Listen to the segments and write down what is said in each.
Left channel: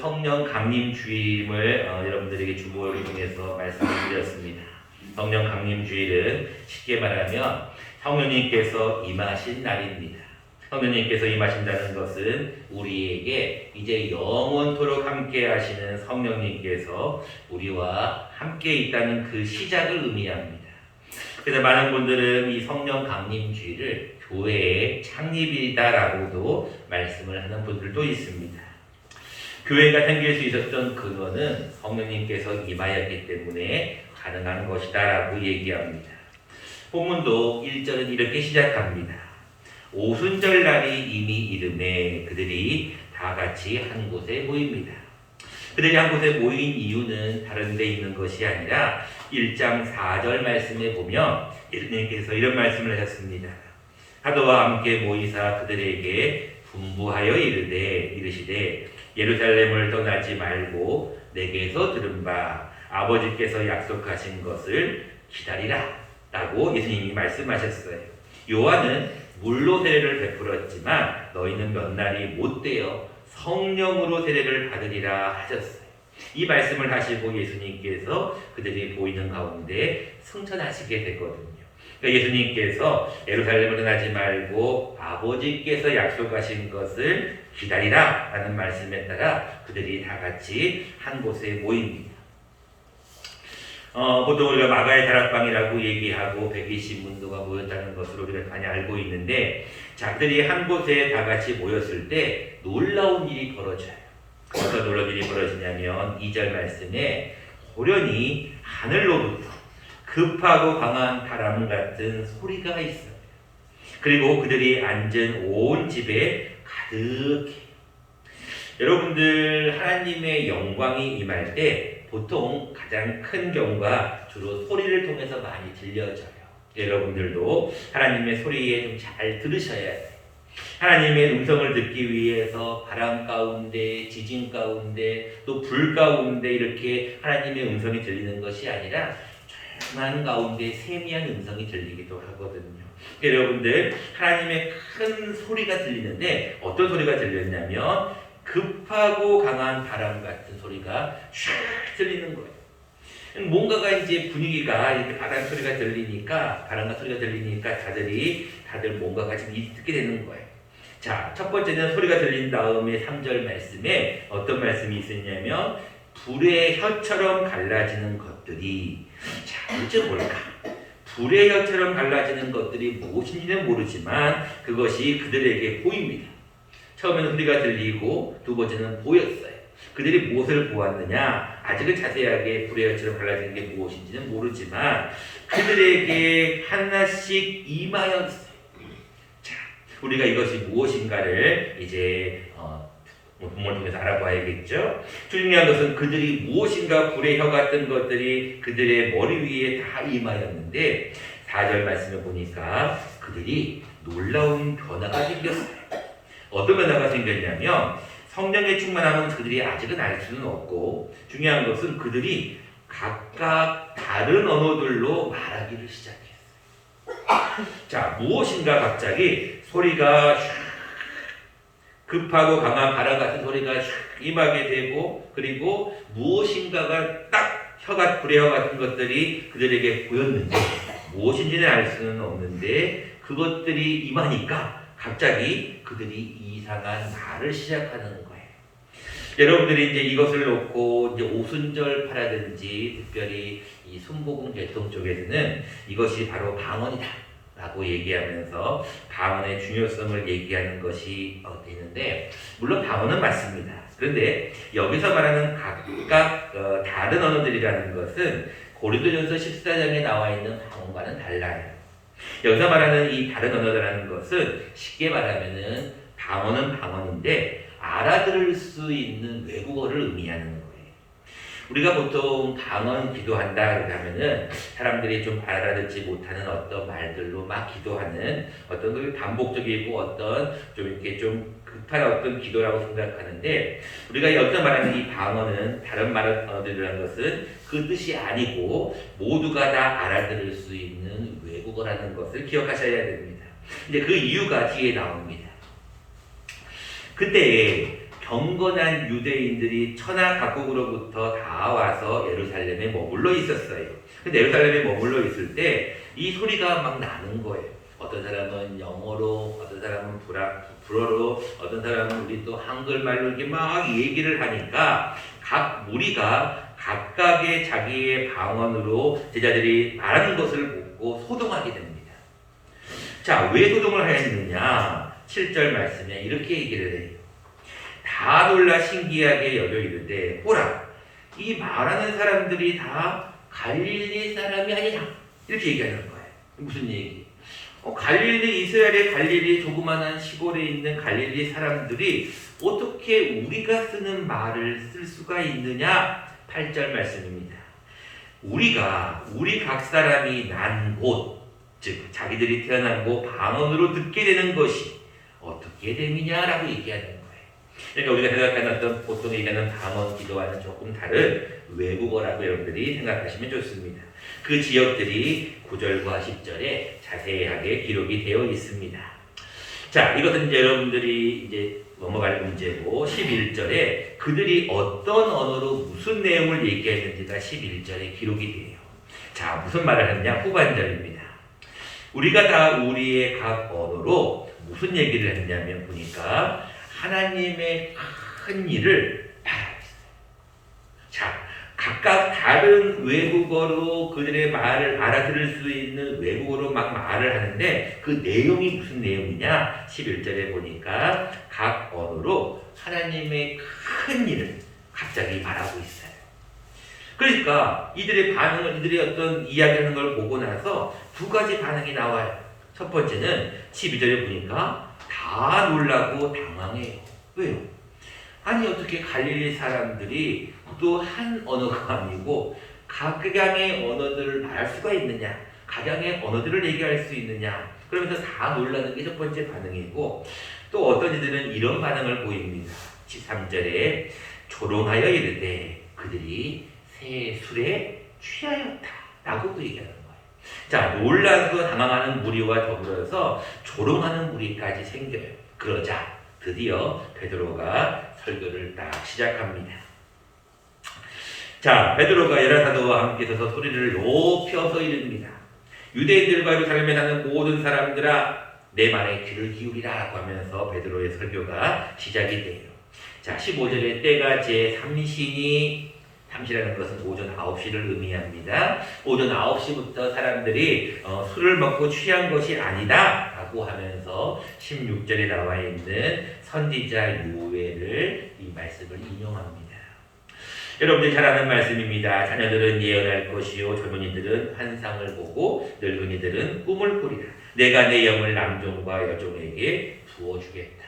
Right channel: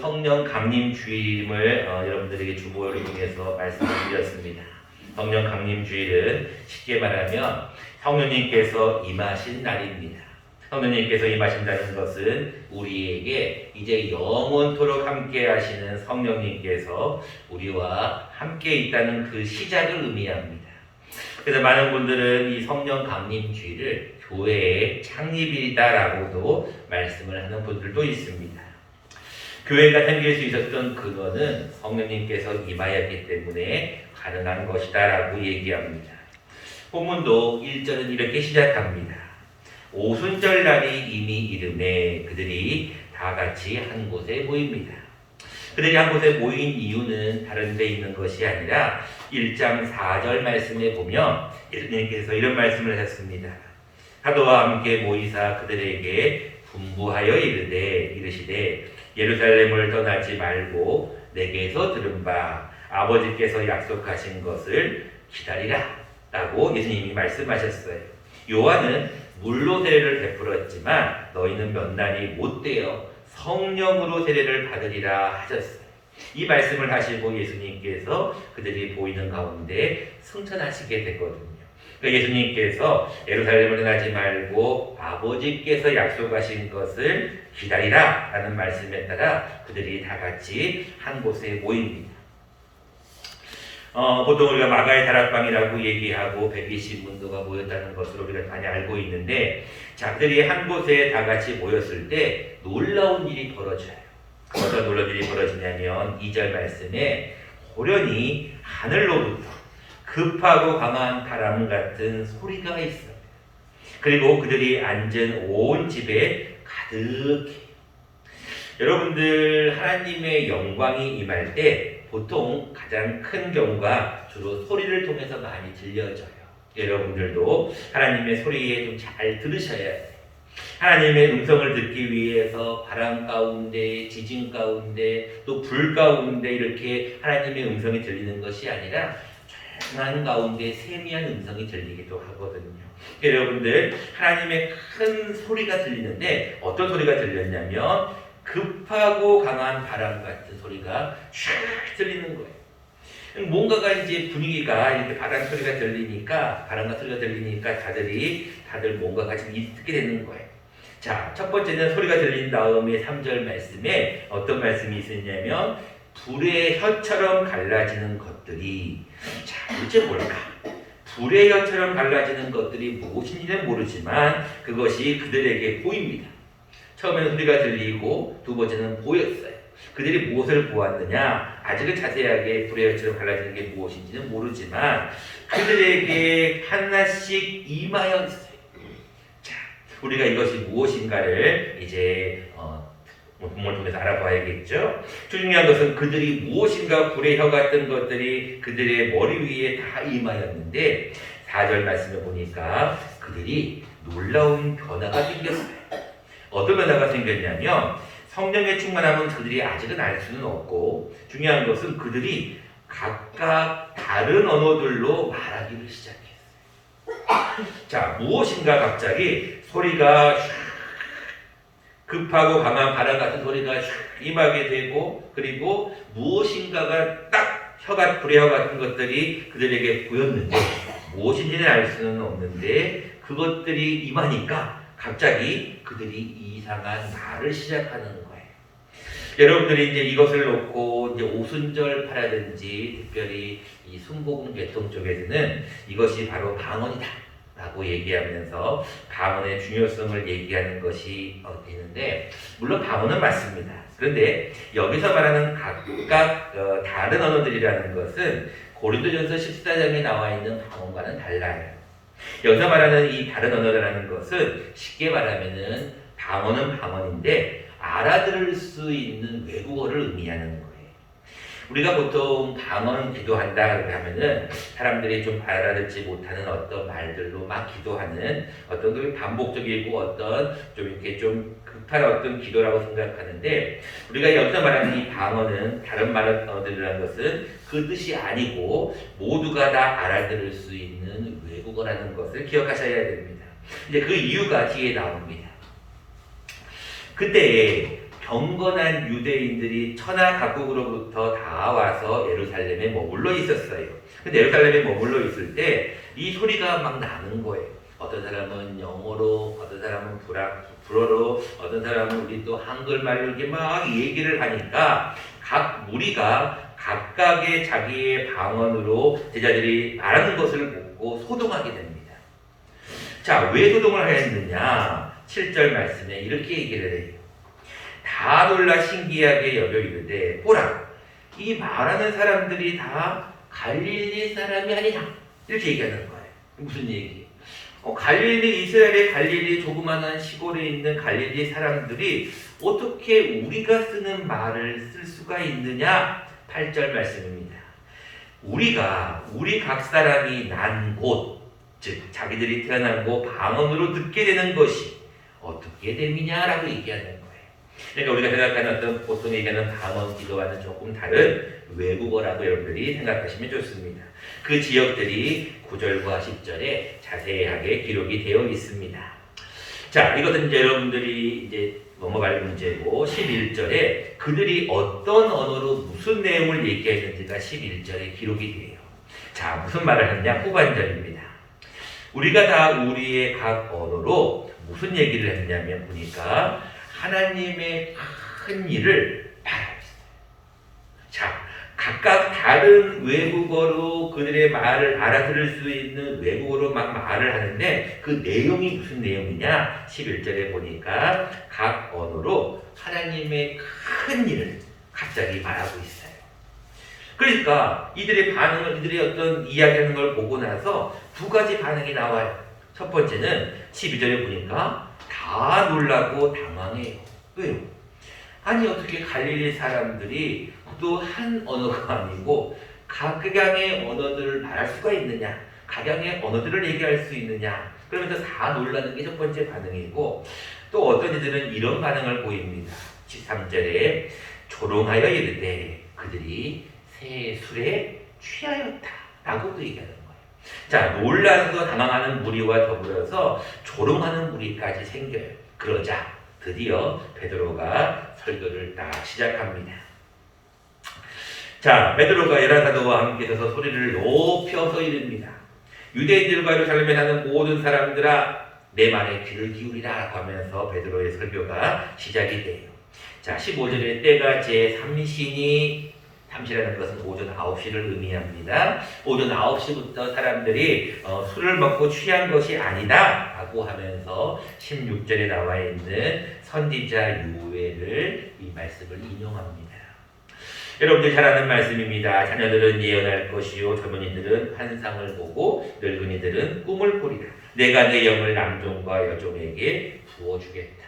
성령 강림주일을 여러분들에게 주보를 통해서 말씀을 드렸습니다. 성령 강림주일은 쉽게 말하면 성령님께서 임하신 날입니다. 성령님께서 임하신다는 것은 우리에게 이제 영원토록 함께 하시는 성령님께서 우리와 함께 있다는 그 시작을 의미합니다. 그래서 많은 분들은 이 성령 강림주일을 교회의 창립일이다라고도 말씀을 하는 분들도 있습니다. 교회가 생길 수 있었던 근원은 성령님께서 임하였기 때문에 가능한 것이다라고 얘기합니다. 본문도 1절은 이렇게 시작합니다. 오순절날이 이미 이르매 그들이 다 같이 한 곳에 모입니다. 그들이 한 곳에 모인 이유는 다른 데 있는 것이 아니라 1장 4절 말씀에 보면 예수님께서 이런 말씀을 하셨습니다. 사도와 함께 모이사 그들에게 분부하여 이르시되 예루살렘을 떠나지 말고 내게서 들은 바 아버지께서 약속하신 것을 기다리라 라고 예수님이 말씀하셨어요. 요한은 물로 세례를 베풀었지만 너희는 몇 날이 못되어 성령으로 세례를 받으리라 하셨어요. 이 말씀을 하시고 예수님께서 그들이 보이는 가운데 승천하시게 되거든요. 예수님께서 예루살렘을 떠나지 말고 아버지께서 약속하신 것을 기다리라 라는 말씀에 따라 그들이 다 같이 한 곳에 모입니다. 보통 우리가 마가의 다락방이라고 얘기하고 120문도가 모였다는 것으로 우리가 많이 알고 있는데, 자, 그들이 한 곳에 다 같이 모였을 때 놀라운 일이 벌어져요. 어떤 놀라운 일이 벌어지냐면 2절 말씀에 호련히 하늘로부터 급하고 강한 바람 같은 소리가 있어요. 그리고 그들이 앉은 온 집에 가득해요. 여러분들 하나님의 영광이 임할 때 보통 가장 큰 경우가 주로 소리를 통해서 많이 들려져요. 여러분들도 하나님의 소리에 좀 잘 들으셔야 돼요. 하나님의 음성을 듣기 위해서 바람 가운데, 지진 가운데, 또 불 가운데 이렇게 하나님의 음성이 들리는 것이 아니라 조용한 가운데 세미한 음성이 들리기도 하거든요. 여러분들 하나님의 큰 소리가 들리는데 어떤 소리가 들렸냐면 급하고 강한 바람 같은 소리가 슉 들리는 거예요. 뭔가가 이제 분위기가 이렇게 바람 소리가 들리니까, 바람과 소리가 들리니까 다들 뭔가가 좀 있게 되는 거예요. 자, 첫 번째는 소리가 들린 다음에 3절 말씀에 어떤 말씀이 있었냐면 불의 혀처럼 갈라지는 것들이, 자, 도대체 뭘까? 불의 혀처럼 갈라지는 것들이 무엇인지는 모르지만 그것이 그들에게 보입니다. 처음에는 소리가 들리고 두 번째는 보였어요. 그들이 무엇을 보았느냐? 아직은 자세하게 불의 혀처럼 갈라지는 게 무엇인지는 모르지만 그들에게 하나씩 임하였어요. 자, 우리가 이것이 무엇인가를 이제 본문을 통해서 알아봐야겠죠. 중요한 것은 그들이 무엇인가 불의 혀 같은 것들이 그들의 머리 위에 다 임하였는데 4절 말씀에 보니까 그들이 놀라운 변화가 생겼어요. 어떤 변화가 생겼냐면 성령의 충만함은 그들이 아직은 알 수는 없고, 중요한 것은 그들이 각각 다른 언어들로 말하기를 시작했어요. 자, 무엇인가 갑자기 소리가 급하고 강한 바람 같은 소리가 임하게 되고, 그리고 무엇인가가 딱 불의 혀 같은 것들이 그들에게 보였는데 무엇인지는 알 수는 없는데 그것들이 임하니까 갑자기 그들이 이상한 말을 시작하는 거예요. 여러분들이 이제 이것을 놓고 이제 오순절 파라든지 특별히 이 순복음 계통 쪽에서는 이것이 바로 방언이다 라고 얘기하면서 방언의 중요성을 얘기하는 것이 되는데, 물론 방언은 맞습니다. 그런데 여기서 말하는 각각 다른 언어들이라는 것은 고린도전서 14장에 나와 있는 방언과는 달라요. 여기서 말하는 이 다른 언어라는 것은 쉽게 말하면은 방언은 방언인데 알아들을 수 있는 외국어를 의미하는 거예요. 우리가 보통 방언 기도한다 그러면은 사람들이 좀 알아듣지 못하는 어떤 말들로 막 기도하는 어떤 그 반복적이고 어떤 좀 이렇게 좀 급한 어떤 기도라고 생각하는데, 우리가 여기서 말하는 이 방언은 다른 언어들이라는 것은 그 뜻이 아니고 모두가 다 알아들을 수 있는 외국어라는 것을 기억하셔야 됩니다. 근데 그 이유가 뒤에 나옵니다. 그때 경건한 유대인들이 천하 각국으로부터 다 와서 예루살렘에 머물러 있었어요. 근데 예루살렘에 머물러 있을 때 이 소리가 막 나는 거예요. 어떤 사람은 영어로, 어떤 사람은 불어로, 어떤 사람은 우리 또 한글말로 이렇게 막 얘기를 하니까 각 무리가 각각의 자기의 방언으로 제자들이 말하는 것을 보고 소동하게 됩니다. 자, 왜 소동을 하였느냐? 7절 말씀에 이렇게 얘기를 해요. 다 놀라 신기하게 여겨 이르되 보라, 이 말하는 사람들이 다 갈릴리 사람이 아니냐? 이렇게 얘기하는 거예요. 무슨 얘기? 갈릴리, 이스라엘의 갈릴리 조그마한 시골에 있는 갈릴리 사람들이 어떻게 우리가 쓰는 말을 쓸 수가 있느냐? 8절 말씀입니다. 우리 각 사람이 난 곳, 즉 자기들이 태어난 곳 방언으로 듣게 되는 것이 어떻게 됨이냐라고 얘기하는 거예요. 그러니까 우리가 생각하는 어떤 보통 얘기하는 방언 기도와는 조금 다른 외국어라고 여러분들이 생각하시면 좋습니다. 그 지역들이 9절과 10절에 자세하게 기록이 되어 있습니다. 자, 이것은 이제 여러분들이 이제 넘어갈 문제고 11절에 그들이 어떤 언어로 무슨 내용을 얘기했는지가 11절에 기록이 돼요. 자, 무슨 말을 했냐? 후반절입니다. 우리가 다 우리의 각 언어로 무슨 얘기를 했냐면 보니까 하나님의 큰 일을 말하고 있어요. 자, 각각 다른 외국어로 그들의 말을 알아들을 수 있는 외국어로 막 말을 하는데 그 내용이 무슨 내용이냐? 11절에 보니까 각 언어로 하나님의 큰 일을 갑자기 말하고 있어요. 그러니까 이들의 반응을, 이들의 어떤 이야기하는 걸 보고 나서 두 가지 반응이 나와요. 첫 번째는 12절에 보니까 다 놀라고 당황해요. 왜요? 아니 어떻게 갈릴리 사람들이 또 한 언어가 아니고 각양의 언어들을 말할 수가 있느냐? 각양의 언어들을 얘기할 수 있느냐? 그러면서 다 놀라는 게 첫 번째 반응이고 또 어떤 이들은 이런 반응을 보입니다. 13절에 조롱하여 이르되 그들이 새 술에 취하였다 라고도 얘기하는 거예요. 자, 놀라서 당황하는 무리와 더불어서 조롱하는 무리까지 생겨요. 그러자 드디어 베드로가 설교를 딱 시작합니다. 자, 베드로가 열한 사도와 함께 서서 소리를 높여서 이릅니다. 유대인들과 예루살렘에 사는 모든 사람들아 내 말에 귀를 기울이라 라고 하면서 베드로의 설교가 시작이 돼요. 자, 15절에 때가 제3시니 삼시라는 것은 오전 9시를 의미합니다. 오전 9시부터 사람들이 술을 먹고 취한 것이 아니다 라고 하면서 16절에 나와 있는 선지자 요엘을 이 말씀을 인용합니다. 여러분들 잘 아는 말씀입니다. 자녀들은 예언할 것이요 젊은이들은 환상을 보고 늙은이들은 꿈을 꾸리라. 내가 내 영을 남종과 여종에게 부어주겠다.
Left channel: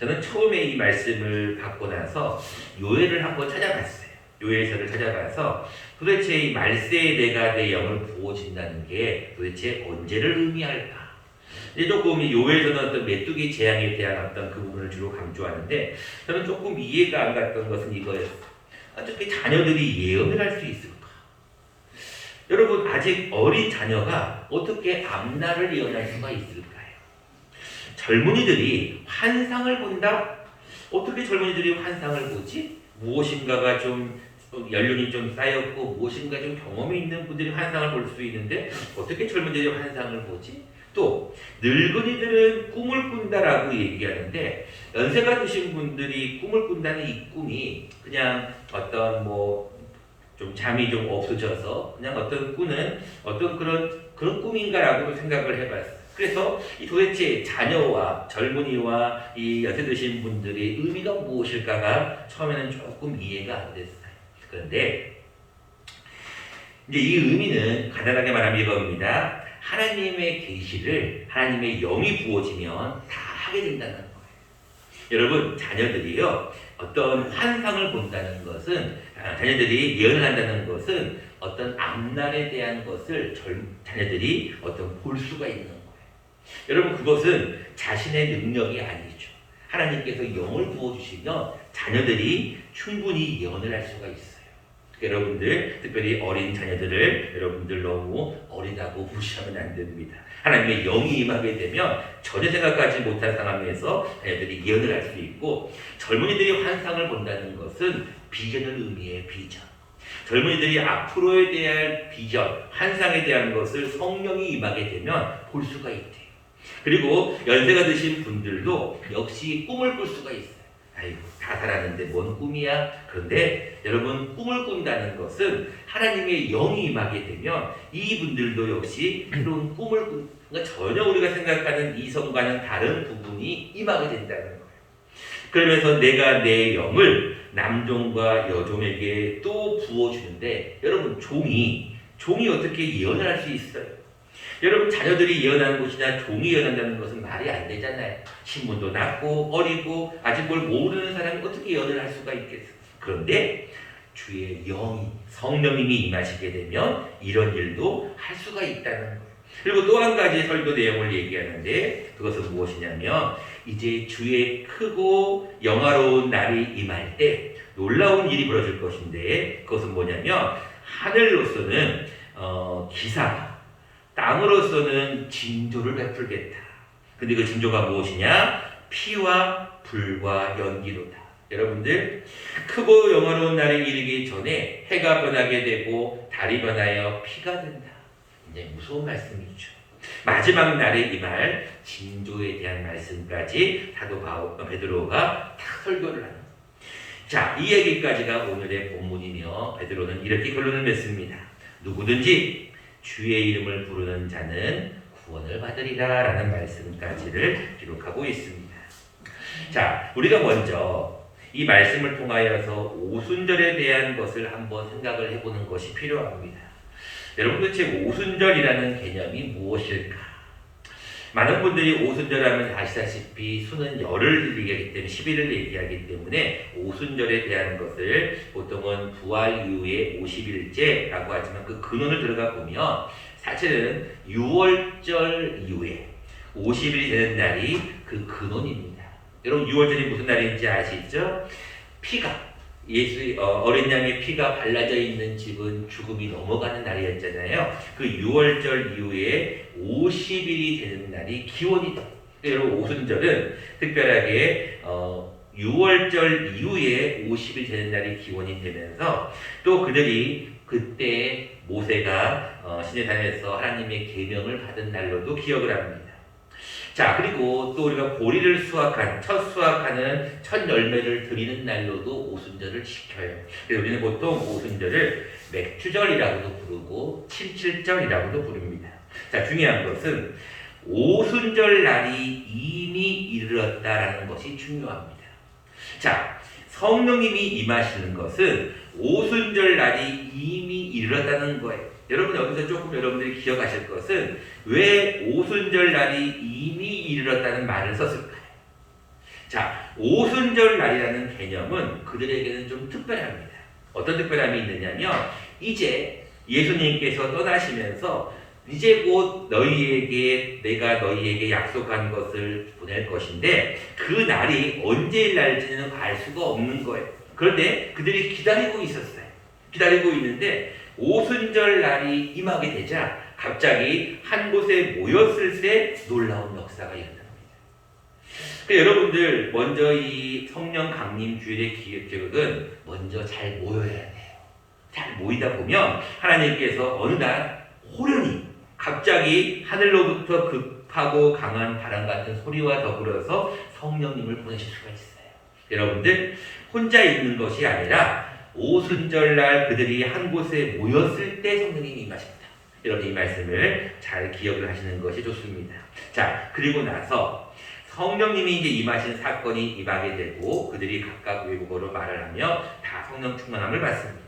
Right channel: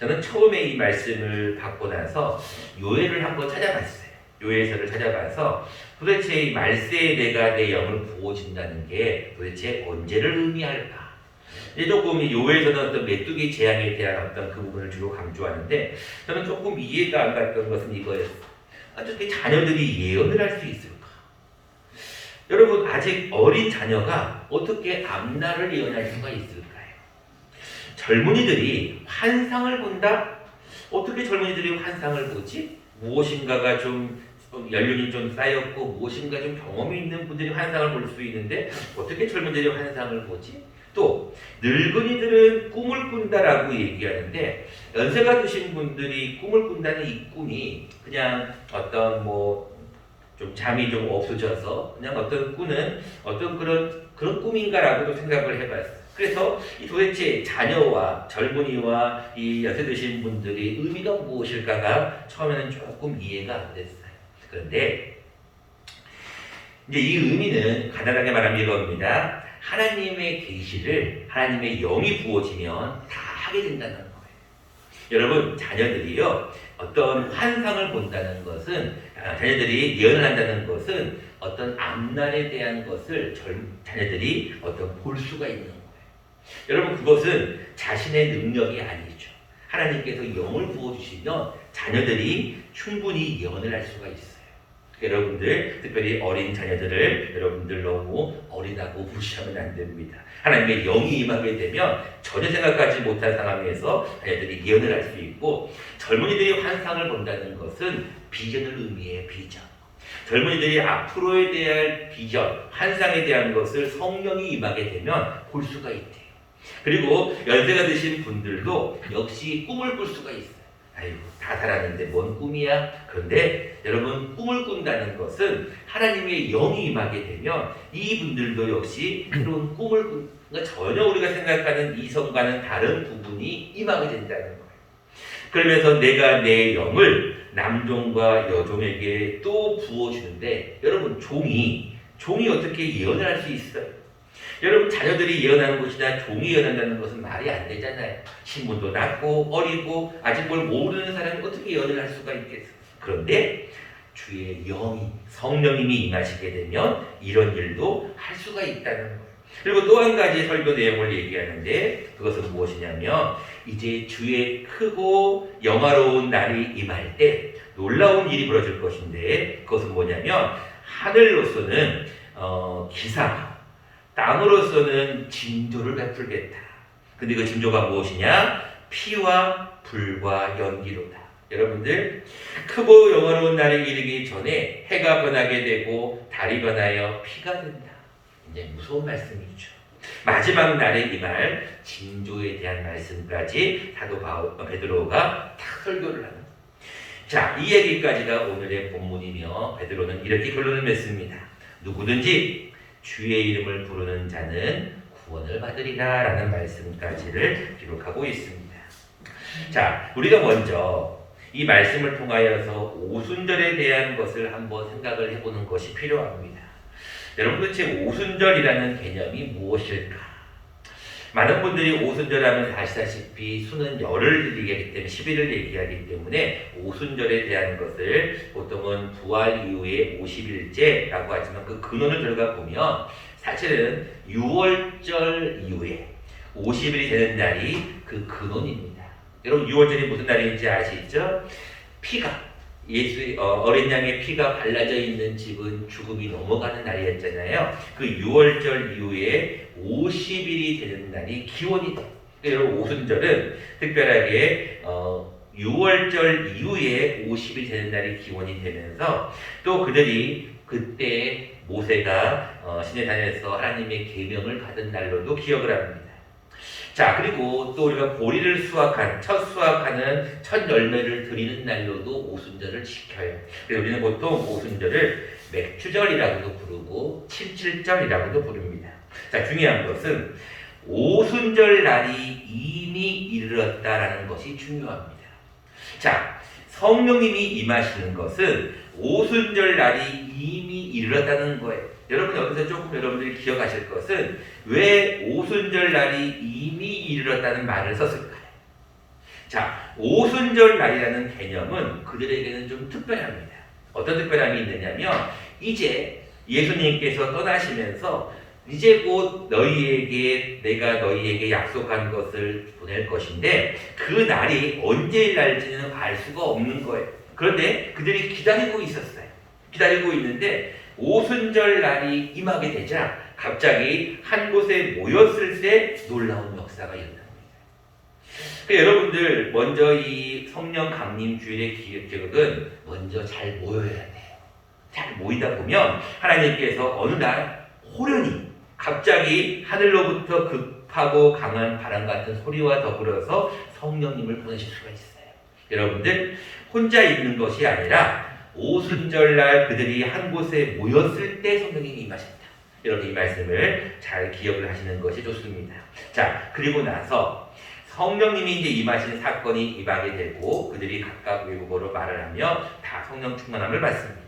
저는 처음에 이 말씀을 받고 나서 요엘을 한번 찾아봤어요. 요엘서를 찾아봐서 도대체 이 말세에 내가 내 영을 부어진다는 게 도대체 언제를 의미할까? 조금 이 요엘서는 어떤 메뚜기 재앙에 대한 어떤 그 부분을 주로 강조하는데 저는 조금 이해가 안 갔던 것은 이거예요. 어떻게 자녀들이 예언을 할 수 있을까? 여러분 아직 어린 자녀가 어떻게 앞날을 예언할 수가 있을까요? 젊은이들이 환상을 본다? 어떻게 젊은이들이 환상을 보지? 무엇인가가 좀 연륜이 좀 쌓였고 무엇인가 좀 경험이 있는 분들이 환상을 볼 수 있는데 어떻게 젊은이들이 환상을 보지? 또 늙은이들은 꿈을 꾼다라고 얘기하는데 연세가 드신 분들이 꿈을 꾼다는 이 꿈이 그냥 어떤 뭐 좀 잠이 좀 없어져서 그냥 어떤 꾸는 어떤 그런 꿈인가라고도 생각을 해봤어요. 그래서 이 도대체 자녀와 젊은이와 이 연세 드신 분들이 의미가 무엇일까가 처음에는 조금 이해가 안 됐어요. 그런데 이제 이 의미는 간단하게 말하면 이겁니다. 하나님의 계시를 하나님의 영이 부어지면 다 하게 된다는 거예요. 여러분 자녀들이요 어떤 환상을 본다는 것은 자녀들이 예언을 한다는 것은 어떤 앞날에 대한 것을 자녀들이 어떤 볼 수가 있는 거예요. 여러분 그것은 자신의 능력이 아니죠. 하나님께서 영을 부어주시면 자녀들이 충분히 예언을 할 수가 있어요. 여러분들 특별히 어린 자녀들을 여러분들 너무 어리다고 무시하면 안 됩니다. 하나님의 영이 임하게 되면 전혀 생각하지 못한 상황에서 자녀들이 예언을 할 수 있고, 젊은이들이 환상을 본다는 것은 비전을 의미해. 비전. 젊은이들이 앞으로에 대한 비전, 환상에 대한 것을 성령이 임하게 되면 볼 수가 있대요. 그리고 연세가 드신 분들도 역시 꿈을 꿀 수가 있어요. 아이고, 다 살았는데 뭔 꿈이야? 그런데 여러분, 꿈을 꾼다는 것은 하나님의 영이 임하게 되면 이분들도 역시 새로운 꿈을 그러니까 전혀 우리가 생각하는 이성과는 다른 부분이 임하게 된다는 거예요. 그러면서 내가 내 영을 남종과 여종에게 또 부어주는데, 여러분, 종이 어떻게 예언을 할 수 있어요? 여러분, 자녀들이 예언하는 것이나 종이 예언한다는 것은 말이 안 되잖아요. 신분도 낮고 어리고 아직 뭘 모르는 사람이 어떻게 예언을 할 수가 있겠어요? 그런데 주의 영이, 성령님이 임하시게 되면 이런 일도 할 수가 있다는 거예요. 그리고 또 한 가지 설교 내용을 얘기하는데, 그것은 무엇이냐면, 이제 주의 크고 영화로운 날이 임할 때 놀라운 일이 벌어질 것인데, 그것은 뭐냐면 하늘로서는 기사가, 땅으로서는 징조를 베풀겠다. 근데 그 징조가 무엇이냐? 피와 불과 연기로다. 여러분들, 크고 영화로운 날이 이르기 전에 해가 변하게 되고 달이 변하여 피가 된다. 이제 무서운 말씀이죠. 마지막 날에 임할 징조에 대한 말씀까지 사도 베드로가 딱 설교를 하는. 자, 이 얘기까지가 오늘의 본문이며, 베드로는 이렇게 결론을 맺습니다. 누구든지 주의 이름을 부르는 자는 구원을 받으리라 라는 말씀까지를 기록하고 있습니다. 자, 우리가 먼저 이 말씀을 통하여서 오순절에 대한 것을 한번 생각을 해보는 것이 필요합니다. 여러분, 도대체 오순절이라는 개념이 무엇일까? 많은 분들이 오순절 하면 아시다시피 수는 열을 얘기하기 때문에 10일을 얘기하기 때문에 오순절에 대한 것을 보통은 부활 이후에 50일째라고 하지만, 그 근원을 들어가 보면 사실은 6월절 이후에 50일이 되는 날이 그 근원입니다. 여러분, 6월절이 무슨 날인지 아시죠? 피가, 어린 양의 피가 발라져 있는 집은 죽음이 넘어가는 날이었잖아요. 그 6월절 이후에 50일이 되는 날이 기원이다. 여러분, 오순절은 특별하게 6월절 이후에 50일 되는 날이 기원이 되면서, 또 그들이 그때 모세가 시내산에서 하나님의 계명을 받은 날로도 기억을 합니다. 자, 그리고 또 우리가 보리를 첫 수확하는 첫 열매를 드리는 날로도 오순절을 지켜요. 그래서 우리는 보통 오순절을 맥주절이라고도 부르고 칠칠절이라고도 부릅니다. 자, 중요한 것은 오순절 날이 이미 이르렀다라는 것이 중요합니다. 자, 성령님이 임하시는 것은 오순절 날이 이미 이르렀다는 거예요. 여러분, 여기서 조금 여러분들이 기억하실 것은 왜 오순절 날이 이미 이르렀다는 말을 썼을까요? 자, 오순절 날이라는 개념은 그들에게는 좀 특별합니다. 어떤 특별함이 있느냐면, 이제 예수님께서 떠나시면서 이제 곧 내가 너희에게 약속한 것을 보낼 것인데, 그 날이 언제일 날지는 알 수가 없는 거예요. 그런데 그들이 기다리고 있었어요. 기다리고 있는데 오순절 날이 임하게 되자 갑자기 한 곳에 모였을 때 놀라운 역사가 일어납니다. 여러분들, 먼저 이 성령 강림 주일의 기획은 먼저 잘 모여야 돼요. 잘 모이다 보면 하나님께서 어느 날 호련히 갑자기 하늘로부터 급하고 강한 바람 같은 소리와 더불어서 성령님을 보내실 수가 있어요. 여러분들, 혼자 있는 것이 아니라 오순절날 그들이 한 곳에 모였을 때 성령님이 임하신다. 여러분, 이 말씀을 잘 기억을 하시는 것이 좋습니다. 자, 그리고 나서 성령님이 이제 임하신 사건이 임하게 되고 그들이 각각 외국어로 말을 하며 다 성령 충만함을 받습니다.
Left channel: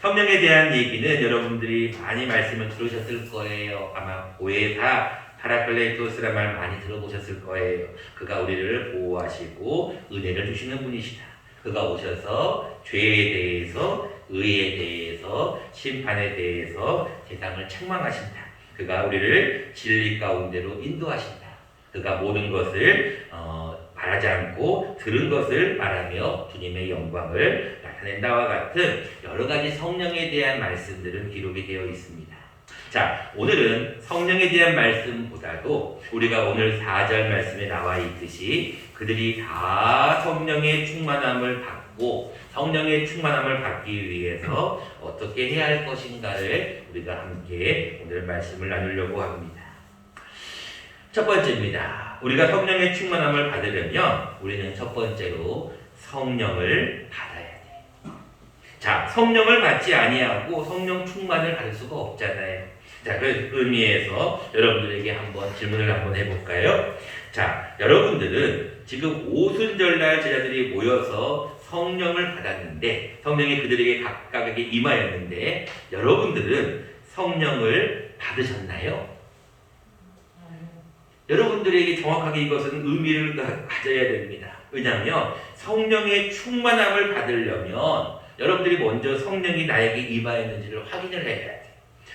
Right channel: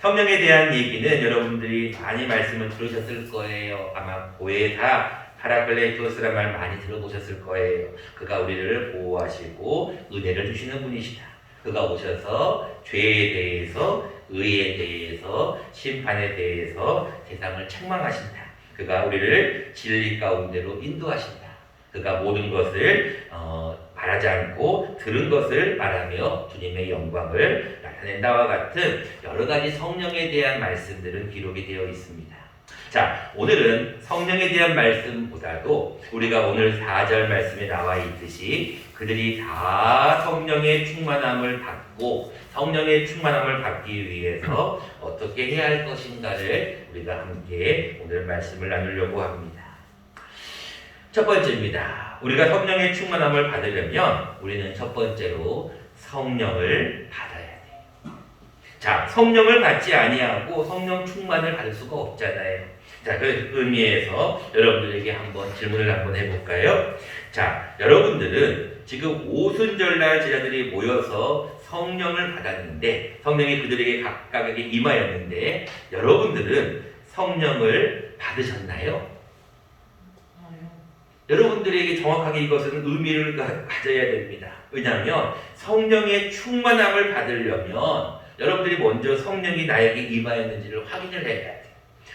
성령에 대한 얘기는 여러분들이 많이 말씀을 들으셨을 거예요. 아마 보혜사 파라클레토스라는 말 많이 들어보셨을 거예요. 그가 우리를 보호하시고 은혜를 주시는 분이시다. 그가 오셔서 죄에 대해서, 의에 대해서, 심판에 대해서 세상을 책망하신다. 그가 우리를 진리 가운데로 인도하신다. 그가 모든 것을 말하지 않고 들은 것을 말하며 주님의 영광을 나타낸다와 같은 여러 가지 성령에 대한 말씀들은 기록이 되어 있습니다. 자, 오늘은 성령에 대한 말씀보다도 우리가 오늘 4절 말씀에 나와 있듯이 그들이 다 성령의 충만함을 받고 성령의 충만함을 받기 위해서 어떻게 해야 할 것인가를 우리가 함께 오늘 말씀을 나누려고 합니다. 첫 번째입니다. 우리가 성령의 충만함을 받으려면 우리는 첫 번째로 성령을 받아야 돼요. 자, 성령을 받지 아니하고 성령 충만을 받을 수가 없잖아요. 자, 그 의미에서 여러분들에게 한번 질문을 한번 해볼까요? 자, 여러분들은 지금 오순절날 제자들이 모여서 성령을 받았는데 성령이 그들에게 각각에게 임하였는데 여러분들은 성령을 받으셨나요? 여러분들에게 정확하게 이것은 의미를 가져야 됩니다. 왜냐하면 성령의 충만함을 받으려면 여러분들이 먼저 성령이 나에게 임하였는지를 확인을 해야 돼요.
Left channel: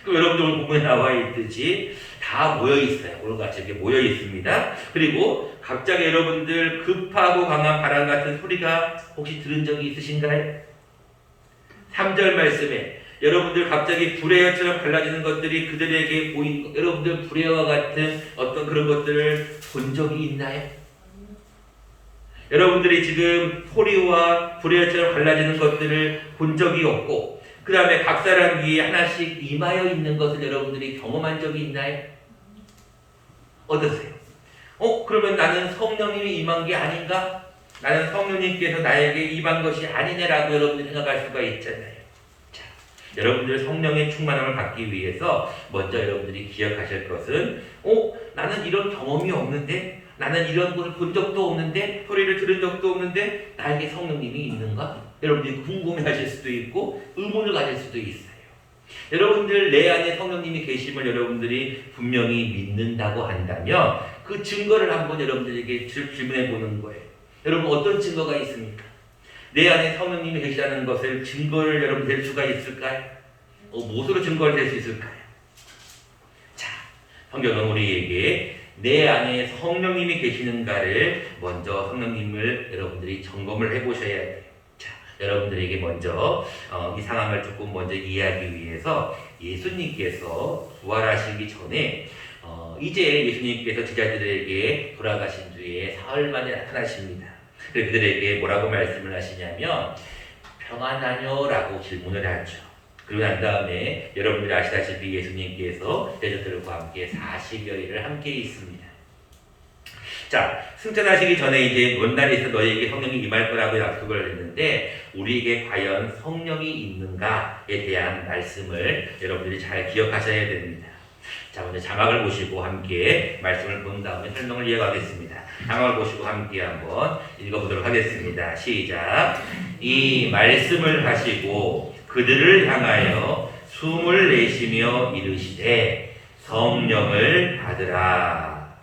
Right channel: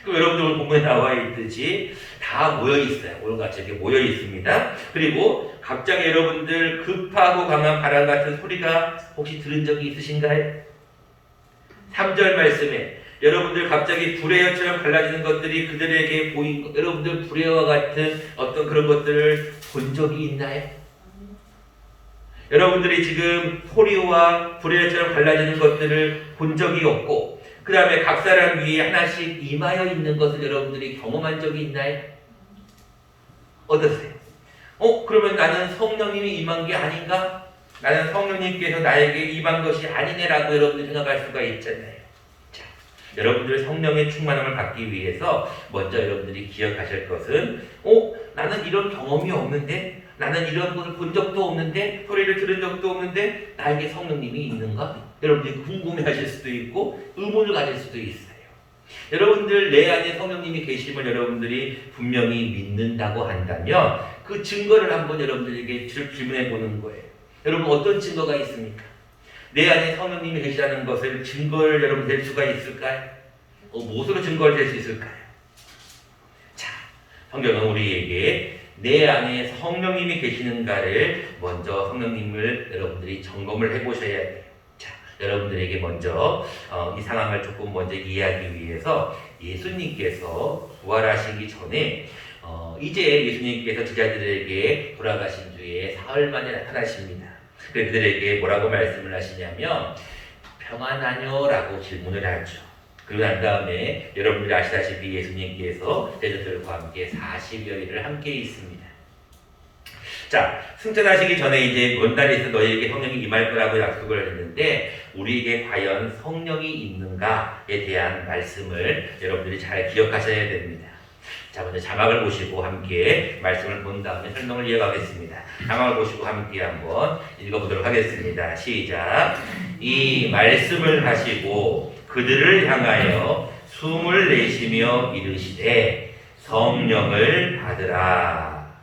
그럼 여러분들 오늘 본문에 나와 있듯이 다 모여 있어요. 오늘 같이 이렇게 모여 있습니다. 그리고 갑자기 여러분들 급하고 강한 바람 같은 소리가 혹시 들은 적이 있으신가요? 3절 말씀에 여러분들 갑자기 불의처럼 갈라지는 것들이 그들에게 보인 여러분들 불의와 같은 어떤 그런 것들을 본 적이 있나요? 여러분들이 지금 소리와 불의처럼 갈라지는 것들을 본 적이 없고 그 다음에 각 사람 위에 하나씩 임하여 있는 것을 여러분들이 경험한 적이 있나요? 어떠세요? 그러면 나는 성령님이 임한 게 아닌가? 나는 성령님께서 나에게 임한 것이 아니네라고 여러분들이 생각할 수가 있잖아요. 자, 여러분들 성령의 충만함을 받기 위해서 먼저 여러분들이 기억하실 것은 나는 이런 경험이 없는데 나는 이런 것을 본 적도 없는데 소리를 들은 적도 없는데 나에게 성령님이 있는가? 여러분들이 궁금해하실 수도 있고 의문을 가질 수도 있어요. 여러분들 내 안에 성령님이 계심을 여러분들이 분명히 믿는다고 한다면 그 증거를 한번 여러분들에게 질문해 보는 거예요. 여러분 어떤 증거가 있습니까? 내 안에 성령님이 계시다는 것을 증거를 여러분 낼 수가 있을까요? 무엇으로 증거를 낼 수 있을까요? 자, 성경은 우리에게 내 안에 성령님이 계시는가를 먼저 성령님을 여러분들이 점검을 해보셔야 돼요. 자, 여러분들에게 먼저 이 상황을 조금 먼저 이해하기 위해서 예수님께서 부활하시기 전에 이제 예수님께서 제자들에게 돌아가신 뒤에 사흘 만에 나타나십니다. 그들에게 뭐라고 말씀을 하시냐면 평안하뇨라고 질문을 하죠. 그리고 난 다음에 여러분들이 아시다시피 예수님께서 제자들과 함께 40여일을 함께 있습니다. 자, 승천하시기 전에 이제 먼 날에서 너희에게 성령이 임할 거라고 약속을 했는데 우리에게 과연 성령이 있는가에 대한 말씀을 여러분들이 잘 기억하셔야 됩니다. 자, 먼저 자막을 보시고 함께 말씀을 본 다음에 설명을 이어가겠습니다. 자막을 보시고 함께 한번 읽어보도록 하겠습니다. 시작. 이 말씀을 하시고 그들을 향하여 숨을 내쉬며 이르시되 성령을 받으라.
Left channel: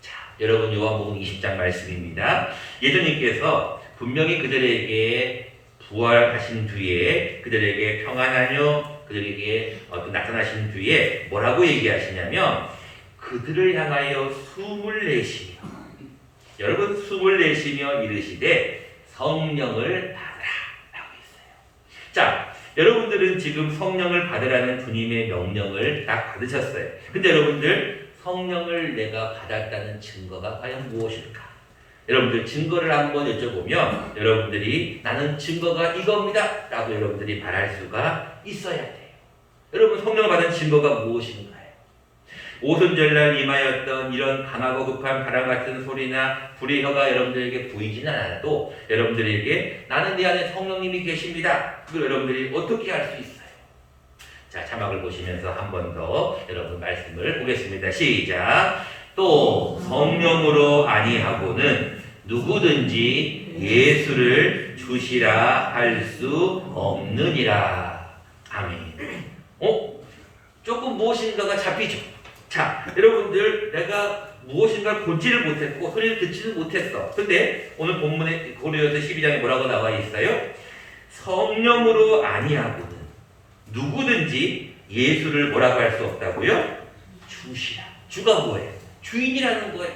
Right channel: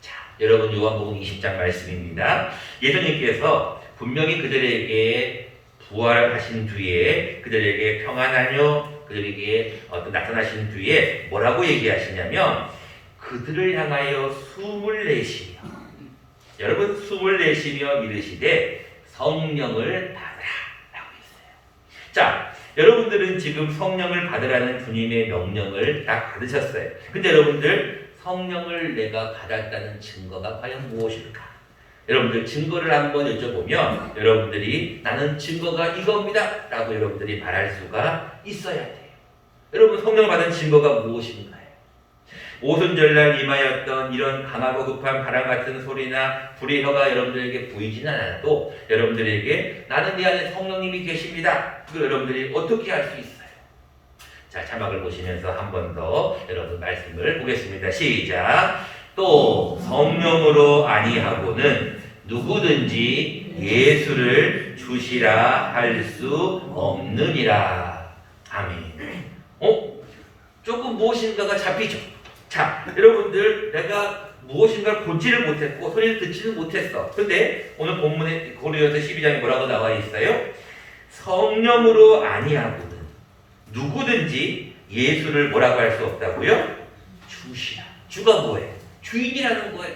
자, 여러분 요한복음 20장 말씀입니다. 예수님께서 분명히 그들에게 부활하신 뒤에 그들에게 평안하뇨 그들에게 나타나신 뒤에 뭐라고 얘기하시냐면 그들을 향하여 숨을 내쉬며 여러분 숨을 내쉬며 이르시되 성령을 받으라 라고 했어요. 자, 여러분들은 지금 성령을 받으라는 주님의 명령을 다 받으셨어요. 근데 여러분들 성령을 내가 받았다는 증거가 과연 무엇일까? 여러분들 증거를 한번 여쭤보면 여러분들이 나는 증거가 이겁니다 라고 여러분들이 말할 수가 있어야 돼요. 여러분 성령을 받은 증거가 무엇인가요? 오순절날 임하였던 이런 강하고 급한 바람 같은 소리나 불의 혀가 여러분들에게 보이지는 않아도 여러분들에게 나는 내 안에 성령님이 계십니다. 그걸 여러분들이 어떻게 할 수 있어요? 자, 자막을 보시면서 한 번 더 여러분 말씀을 보겠습니다. 시작. 또 성령으로 아니하고는 누구든지 예수를 주시라 할 수 없느니라. 아멘. 조금 무엇인가가 잡히죠. 자, 여러분들 내가 무엇인가를 보지를 못했고 소리를 듣지를 못했어. 근데 오늘 본문에 고린도서 12장에 뭐라고 나와 있어요? 성령으로 아니하고는 누구든지 예수를 뭐라고 할 수 없다고요? 주시라. 주가 뭐예요? 주인이라는 거예요.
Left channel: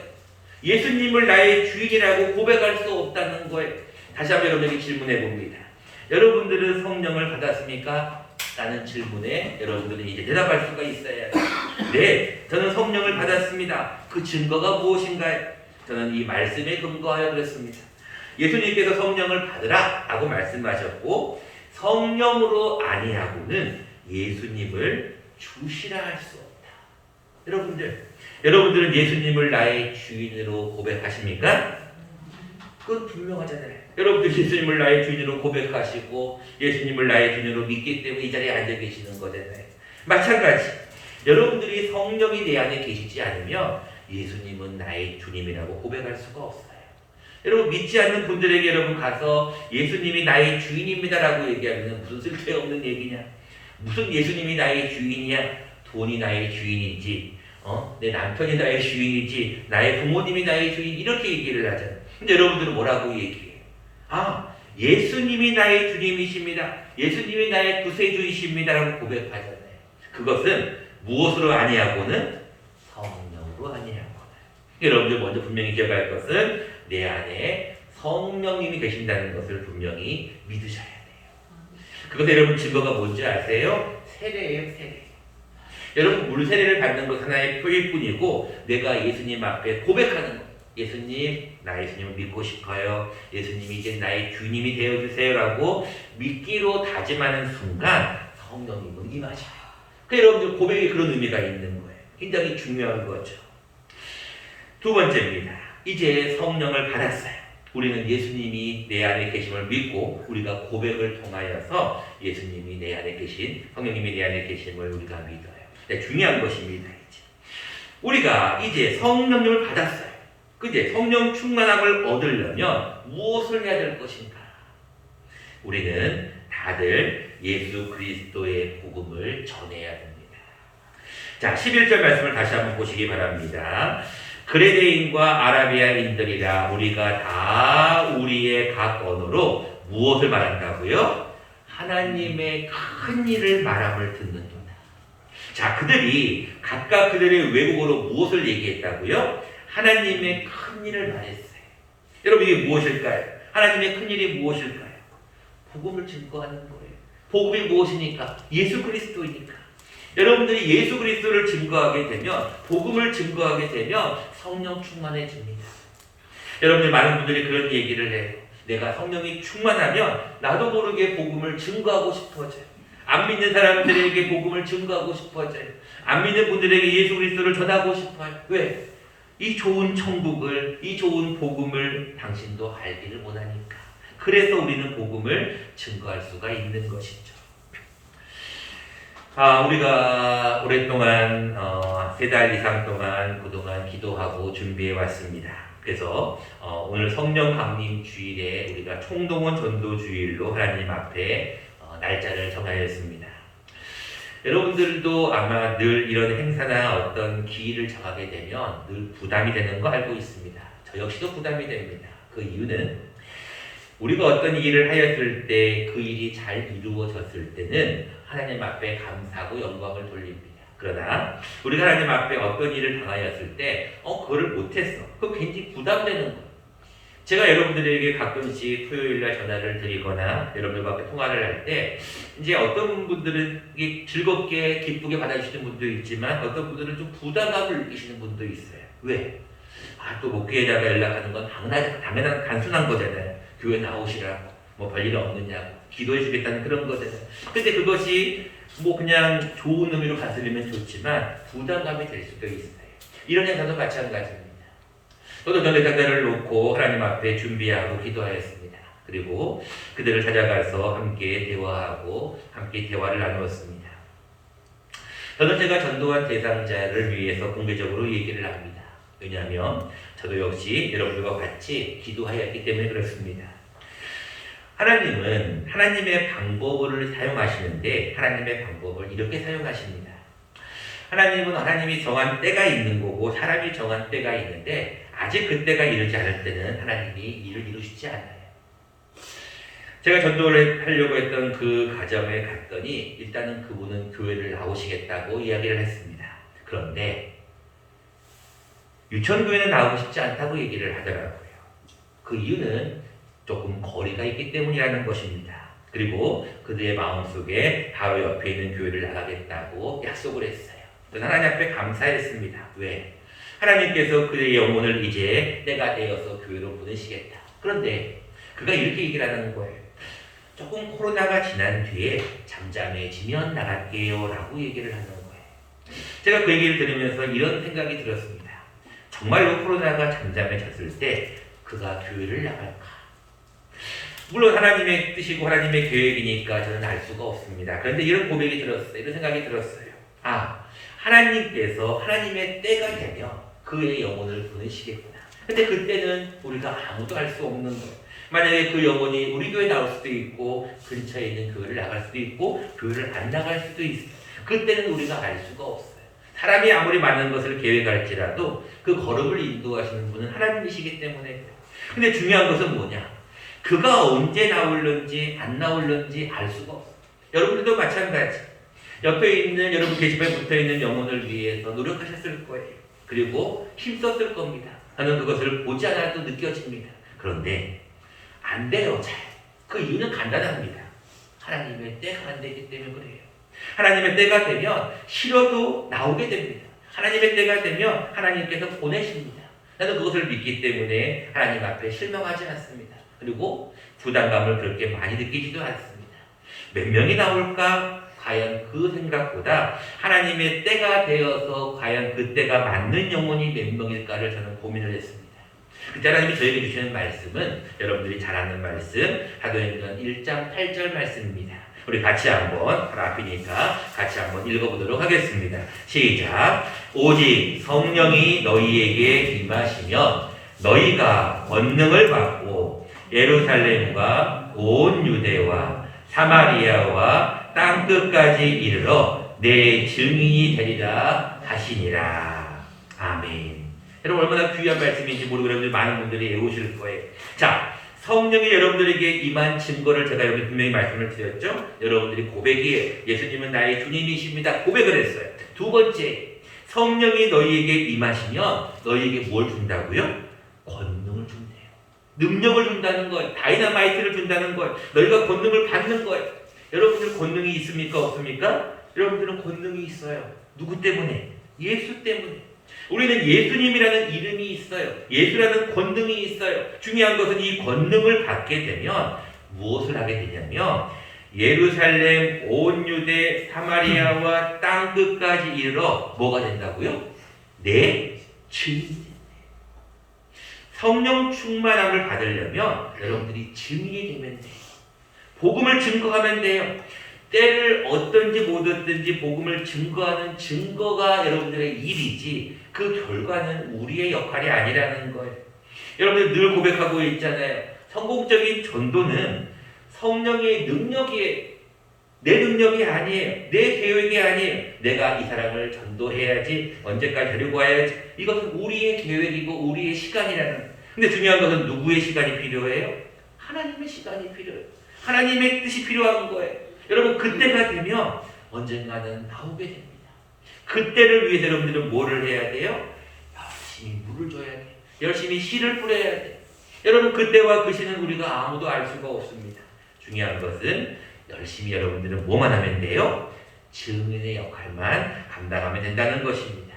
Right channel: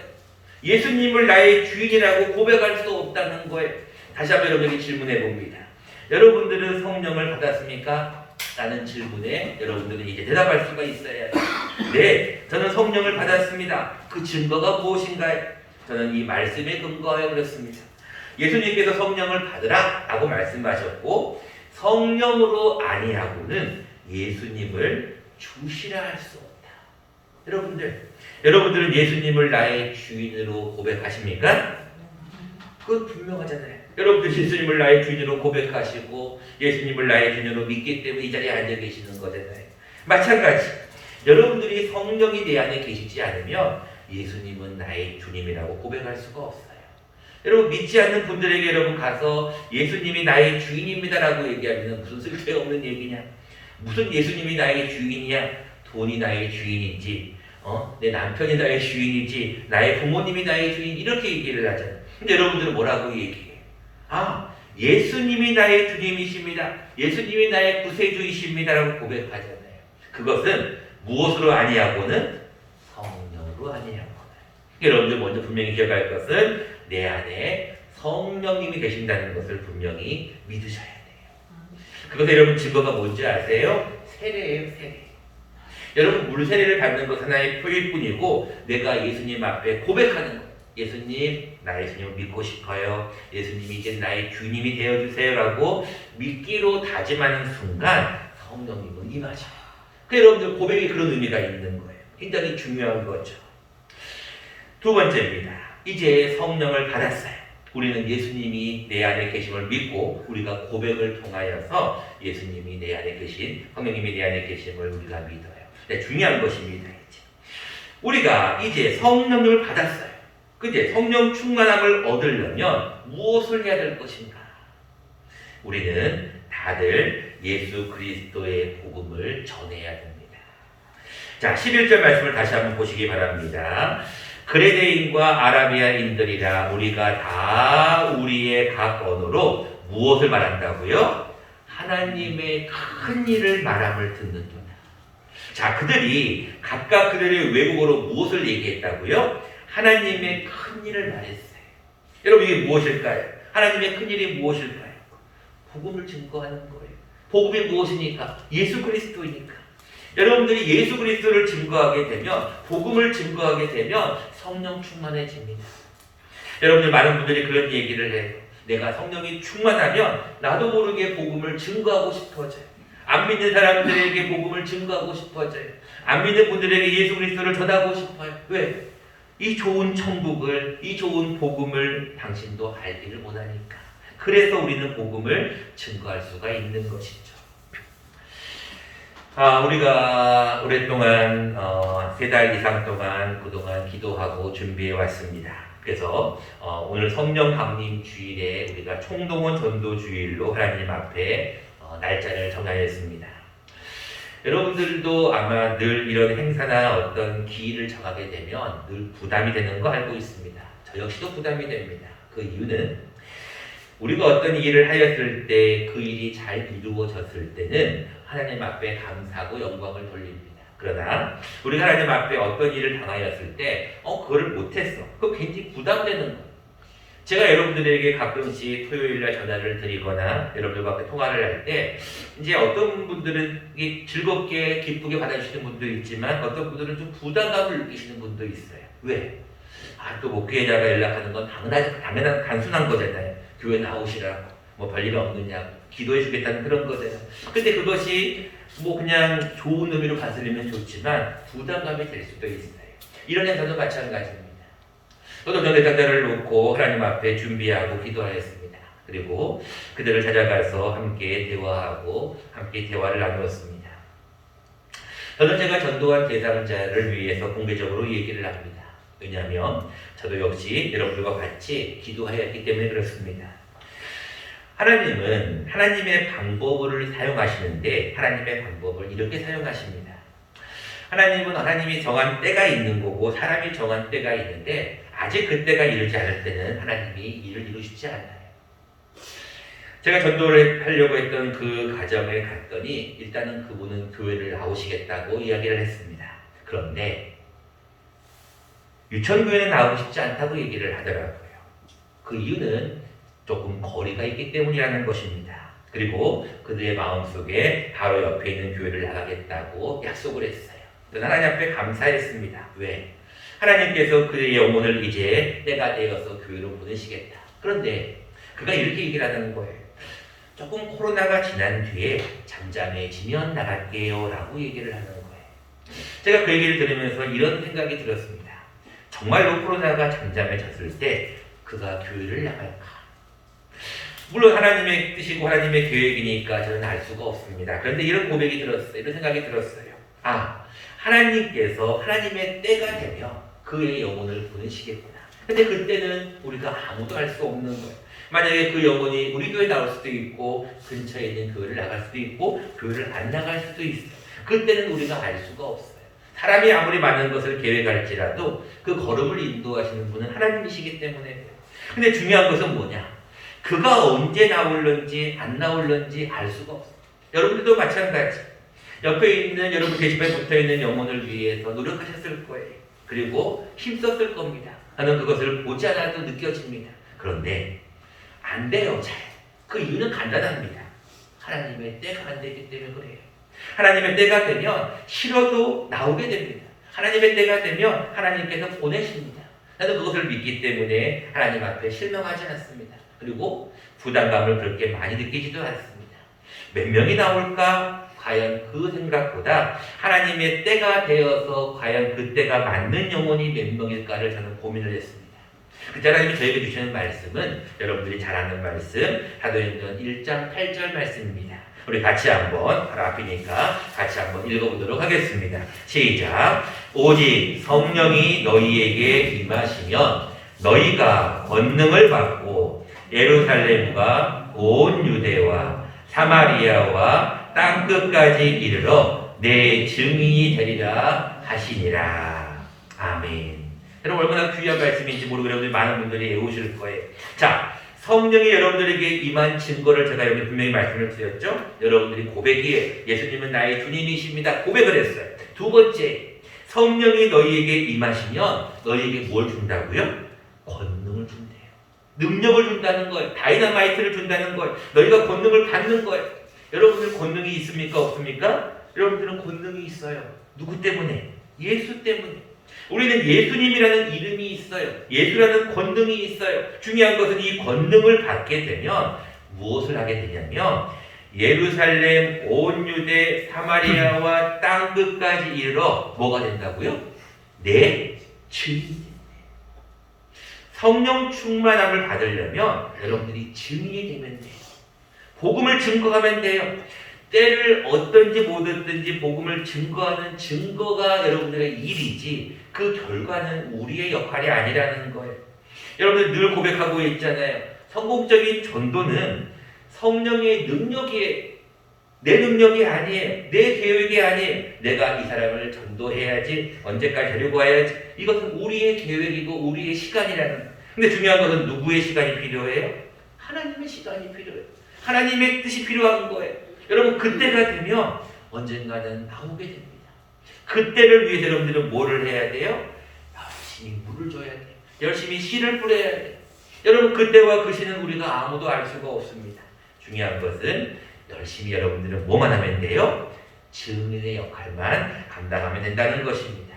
예수님을 나의 주인이라고 고백할 수 없다는 거예요. 다시 한번 여러분에게 질문해 봅니다. 여러분들은 성령을 받았습니까? 라는 질문에 여러분들은 이제 대답할 수가 있어요. 네, 저는 성령을 받았습니다. 그 증거가 무엇인가요? 저는 이 말씀에 근거하여 그렇습니다. 예수님께서 성령을 받으라 라고 말씀하셨고, 성령으로 아니하고는 예수님을 주시라 할 수 없다. 여러분들은 예수님을 나의 주인으로 고백하십니까? 그건 분명하잖아요. 여러분들 예수님을 나의 주인으로 고백하시고 예수님을 나의 주인으로 믿기 때문에 이 자리에 앉아 계시는 거잖아요. 마찬가지, 여러분들이 성령이 내 안에 계시지 않으면 예수님은 나의 주님이라고 고백할 수가 없어요. 여러분, 믿지 않는 분들에게 여러분 가서 예수님이 나의 주인입니다라고 얘기하면 무슨 쓸데없는 얘기냐? 무슨 예수님이 나의 주인이냐? 돈이 나의 주인인지, 내 남편이 나의 주인이지, 나의 부모님이 나의 주인, 이렇게 얘기를 하잖아요. 근데 여러분들은 뭐라고 얘기해요? 예수님이 나의 주님이십니다. 예수님이 나의 구세주이십니다라고 고백하잖아요. 그것은 무엇으로 아니하고는 성령으로 아니하고는. 여러분들 먼저 분명히 기억할 것은 내 안에 성령님이 계신다는 것을 분명히 믿으셔야 돼요. 그것은 여러분 증거가 뭔지 아세요? 세례예요, 세례. 여러분, 물세례를 받는 것 하나의 표일 뿐이고, 내가 예수님 앞에 고백하는 것. 예수님, 나 예수님을 믿고 싶어요. 예수님이 이제 나의 주님이 되어주세요라고 믿기로 다짐하는 순간 성령님은 임하셔요. 여러분들 고백에 그런 의미가 있는 거예요. 굉장히 중요한 거죠. 두 번째입니다. 이제 성령을 받았어요. 우리는 예수님이 내 안에 계심을 믿고 우리가 고백을 통하여서 예수님이 내 안에 계신, 성령님이 내 안에 계심을 우리가 믿어요. 네, 중요한 것입니다. 우리가 이제 성령을 받았어요. 그제 성령 충만함을 얻으려면 무엇을 해야 될 것인가? 우리는 다들 예수 그리스도의 복음을 전해야 됩니다. 자, 11절 말씀을 다시 한번 보시기 바랍니다. 그레데인과 아라비아인들이라 우리가 다 우리의 각 언어로 무엇을 말한다고요? 하나님의 큰 일을 말함을 듣는도다. 자, 그들이 각각 그들의 외국어로 무엇을 얘기했다고요? 하나님의 큰 일을 말했어요. 여러분, 이게 무엇일까요? 하나님의 큰 일이 무엇일까요? 복음을 증거하는 거예요. 복음이 무엇이니까? 예수 그리스도이니까. 여러분들이 예수 그리스도를 증거하게 되면, 복음을 증거하게 되면 성령 충만해집니다. 여러분들 많은 분들이 그런 얘기를 해요. 내가 성령이 충만하면 나도 모르게 복음을 증거하고 싶어져요. 안 믿는 사람들에게 복음을 증거하고 싶어져요. 안 믿는 분들에게 예수 그리스도를 전하고 싶어요. 왜? 이 좋은 천국을, 이 좋은 복음을 당신도 알기를 원하니까. 그래서 우리는 복음을 증거할 수가 있는 것이죠. 우리가 오랫동안 3달 이상 동안 그동안 기도하고 준비해 왔습니다. 그래서 오늘 성령 강림 주일에 우리가 총동원 전도 주일로 하나님 앞에 날짜를 정하였습니다. 여러분들도 아마 늘 이런 행사나 어떤 기일을 정하게 되면 늘 부담이 되는 거 알고 있습니다. 저 역시도 부담이 됩니다. 그 이유는 우리가 어떤 일을 하였을 때 그 일이 잘 이루어졌을 때는 하나님 앞에 감사하고 영광을 돌립니다. 그러나 우리가 하나님 앞에 어떤 일을 당하였을 때 그거를 못했어. 그거 굉장히 부담되는 거예요. 제가 여러분들에게 가끔씩 토요일날 전화를 드리거나 여러분들과 통화를 할 때 이제 어떤 분들은 즐겁게 기쁘게 받아주시는 분도 있지만 어떤 분들은 좀 부담감을 느끼시는 분도 있어요. 왜? 또 목회에다가 연락하는 건 당연한 단순한 거잖아요. 교회 나오시라고, 뭐 별일 없느냐고, 기도해 주겠다는 그런 거잖아요. 근데 그것이 뭐 그냥 좋은 의미로 받으려면 좋지만 부담감이 될 수도 있어요. 이런 행사도 마찬가지입니다. 저도 전에 자자를 놓고 하나님 앞에 준비하고 기도하였습니다. 그리고 그들을 찾아가서 함께 대화하고 함께 대화를 나누었습니다. 저는 제가 전도한 대상자를 위해서 공개적으로 얘기를 합니다. 왜냐하면 저도 역시 여러분들과 같이 기도하였기 때문에 그렇습니다. 하나님은 하나님의 방법을 사용하시는데 하나님의 방법을 이렇게 사용하십니다. 하나님은 하나님이 정한 때가 있는 거고 사람이 정한 때가 있는데 아직 그 때가 이르지 않을 때는 하나님이 일을 이루시지 않아요. 제가 전도를 하려고 했던 그 가정에 갔더니 일단은 그분은 교회를 나오시겠다고 이야기를 했습니다. 그런데 유천교회는 나오고 싶지 않다고 얘기를 하더라고요. 그 이유는 조금 거리가 있기 때문이라는 것입니다. 그리고 그들의 마음속에 바로 옆에 있는 교회를 나가겠다고 약속을 했어요. 하나님 앞에 감사했습니다. 왜? 하나님께서 그의 영혼을 이제 때가 되어서 교회로 보내시겠다. 그런데 그가 이렇게 얘기를 하는 거예요. 조금 코로나가 지난 뒤에 잠잠해지면 나갈게요 라고 얘기를 하는 거예요. 제가 그 얘기를 들으면서 이런 생각이 들었습니다. 정말로 코로나가 잠잠해졌을 때 그가 교회를 나갈까? 물론 하나님의 뜻이고 하나님의 계획이니까 저는 알 수가 없습니다. 그런데 이런 고백이 들었어요. 이런 생각이 들었어요. 하나님께서 하나님의 때가 되면 그의 영혼을 보내시겠구나. 근데 그때는 우리가 아무도 알 수 없는 거예요. 만약에 그 영혼이 우리 교회에 나올 수도 있고 근처에 있는 교회를 나갈 수도 있고 교회를 안 나갈 수도 있어요. 그때는 우리가 알 수가 없어요. 사람이 아무리 많은 것을 계획할지라도 그 걸음을 인도하시는 분은 하나님이시기 때문에. 근데 중요한 것은 뭐냐? 그가 언제 나올는지 안 나올는지 알 수가 없어요. 여러분들도 마찬가지. 옆에 있는 여러분 게시판에 붙어있는 영혼을 위해서 노력하셨을 거예요. 그리고 힘썼을 겁니다. 저는 그것을 보지 않아도 느껴집니다. 그런데 안 돼요. 잘. 그 이유는 간단합니다. 하나님의 때가 안 되기 때문에 그래요. 하나님의 때가 되면 싫어도 나오게 됩니다. 하나님의 때가 되면 하나님께서 보내십니다. 나는 그것을 믿기 때문에 하나님 앞에 실망하지 않습니다. 그리고 부담감을 그렇게 많이 느끼지도 않습니다. 몇 명이 나올까? 과연 그 생각보다 하나님의 때가 되어서 과연 그 때가 맞는 영혼이 몇 명일까를 저는 고민을 했습니다. 그때 하나님이 저에게 주시는 말씀은 여러분들이 잘 아는 말씀 사도행전 1장 8절 말씀입니다. 우리 같이 한번 바로 앞이니까 같이 한번 읽어보도록 하겠습니다. 시작. 오직 성령이 너희에게 임하시면 너희가 권능을 받고 예루살렘과 온 유대와 사마리아와 땅끝까지 이르러 내 증인이 되리라 하시니라. 아멘. 여러분 얼마나 귀한 말씀인지 모르고 여러분들 많은 분들이 외우실 거예요. 자, 성령이 여러분들에게 임한 증거를 제가 여기 분명히 말씀을 드렸죠. 여러분들이 고백이에요. 예수님은 나의 주님이십니다. 고백을 했어요. 두 번째, 성령이 너희에게 임하시면 너희에게 뭘 준다고요? 권능을 준대요. 능력을 준다는 거예요. 다이너마이트를 준다는 거예요. 너희가 권능을 받는 거예요. 여러분들 권능이 있습니까? 없습니까? 여러분들은 권능이 있어요. 누구 때문에? 예수 때문에. 우리는 예수님이라는 이름이 있어요. 예수라는 권능이 있어요. 중요한 것은 이 권능을 받게 되면 무엇을 하게 되냐면 예루살렘, 온 유대, 사마리아와 땅끝까지 이르러 뭐가 된다고요? 내 증인이 된대요. 성령 충만함을 받으려면 여러분들이 증인이 되면 돼요. 복음을 증거하면 돼요. 때를 얻든지 못 얻든지 복음을 증거하는 증거가 여러분들의 일이지 그 결과는 우리의 역할이 아니라는 거예요. 여러분들 늘 고백하고 있잖아요. 성공적인 전도는 성령의 능력이에요. 내 능력이 아니에요. 내 계획이 아니에요. 내가 이 사람을 전도해야지, 언제까지 데리고 와야지. 이것은 우리의 계획이고 우리의 시간이라는 거예요. 근데 중요한 것은 누구의 시간이 필요해요? 하나님의 시간이 필요해요. 하나님의 뜻이 필요한 거예요. 여러분 그때가 되면 언젠가는 나오게 됩니다. 그때를 위해서 여러분들은 뭐를 해야 돼요? 열심히 물을 줘야 돼요. 열심히 씨를 뿌려야 돼요. 여러분 그때와 그 시는 우리가 아무도 알 수가 없습니다. 중요한 것은 열심히 여러분들은 뭐만 하면 돼요? 증인의 역할만 감당하면 된다는 것입니다.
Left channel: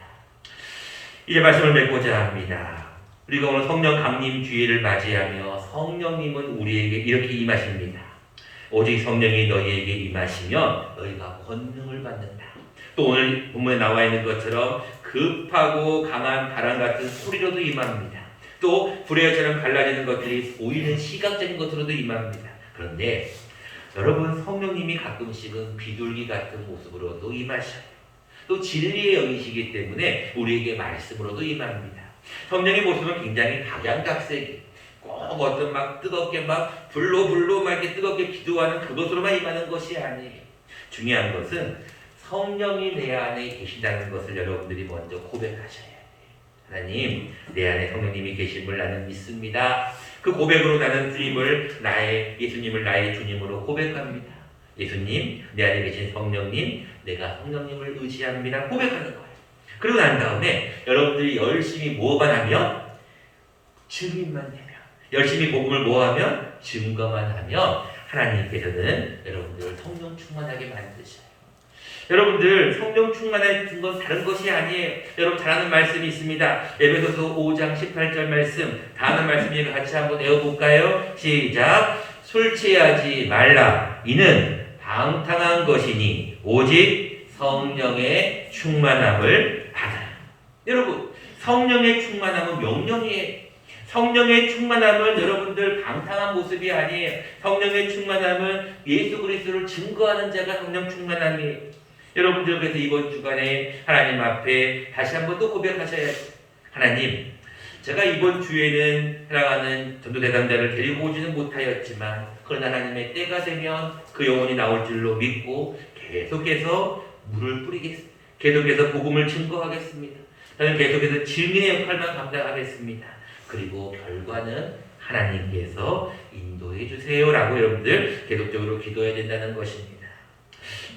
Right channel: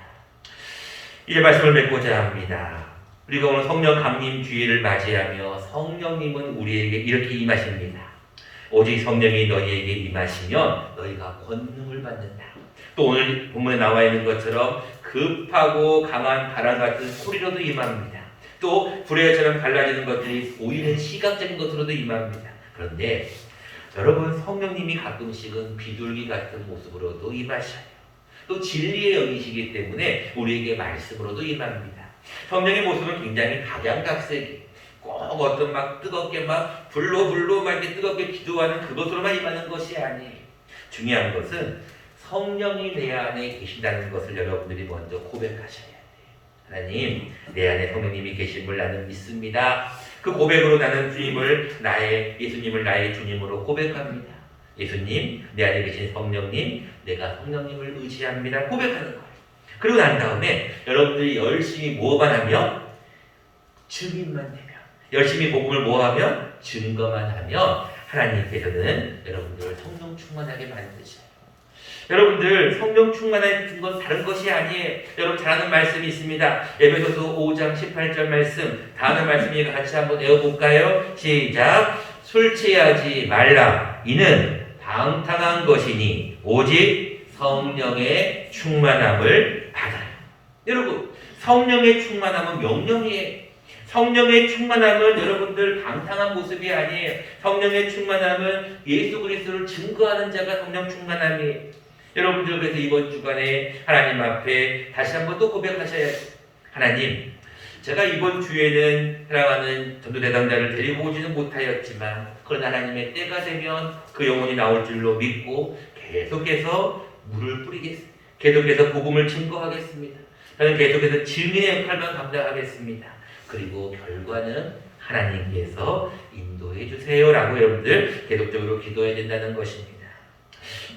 이제 말씀을 맺고자 합니다. 우리가 오늘 성령 강림 주일을 맞이하며 성령님은 우리에게 이렇게 임하십니다. 오직 성령이 너희에게 임하시면 너희가 권능을 받는다. 또 오늘 본문에 나와 있는 것처럼 급하고 강한 바람 같은 소리로도 임합니다. 또 불의처럼 갈라지는 것들이 보이는 시각적인 것으로도 임합니다. 그런데 여러분 성령님이 가끔씩은 비둘기 같은 모습으로도 임하셔요. 또 진리의 영이시기 때문에 우리에게 말씀으로도 임합니다. 성령의 모습은 굉장히 각양각색이에요. 꼭 어떤 막 뜨겁게 막 불로 막 이렇게 뜨겁게 기도하는 그것으로만 임하는 것이 아니에요. 중요한 것은 성령이 내 안에 계신다는 것을 여러분들이 먼저 고백하셔야 돼요. 하나님, 내 안에 성령님이 계심을 나는 믿습니다. 그 고백으로 나는 예수님을 나의 주님으로 고백합니다. 예수님, 내 안에 계신 성령님, 내가 성령님을 의지합니다. 고백하는 거예요. 그리고 난 다음에 여러분들이 열심히 뭐만 하면 증인만 되면, 열심히 복음을 뭐하면 증거만 하면 하나님께서는 여러분들을 성령 충만하게 만드셔요. 여러분들 성령 충만한 건 다른 것이 아니에요. 여러분 잘 아는 말씀이 있습니다. 에베소서 5장 18절 말씀, 다 아는 말씀이니까 같이 한번 외워볼까요? 시작. 술 취하지 말라. 이는 방탕한 것이니 오직 성령의 충만함을 받아요. 여러분 성령의 충만함은 명령이에요. 성령의 충만함은 여러분들 방탕한 모습이 아니에요. 성령의 충만함은 예수 그리스도를 증거하는 자가 성령 충만함이에요. 여러분들 그래서 이번 주간에 하나님 앞에 다시 한번 또 고백하셔야죠. 하나님, 제가 이번 주에는 사랑하는 전도대상자를 데리고 오지는 못하였지만 그런 하나님의 때가 되면 그 영혼이 나올 줄로 믿고 계속해서 물을 뿌리겠습니다. 계속해서 복음을 증거하겠습니다. 저는 계속해서 증인의 역할만 감당하겠습니다. 그리고 결과는 하나님께서 인도해 주세요라고 여러분들 계속적으로 기도해야 된다는 것입니다.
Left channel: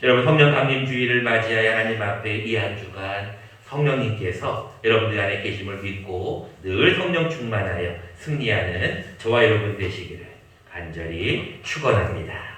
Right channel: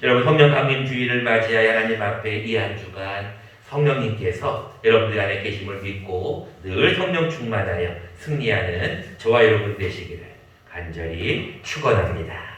여러분 성령 감림 주일을 맞이하여 하나님 앞에 이 한 주간 성령님께서 여러분들 안에 계심을 믿고 늘 성령 충만하여 승리하는 저와 여러분 되시기를 간절히 축원합니다.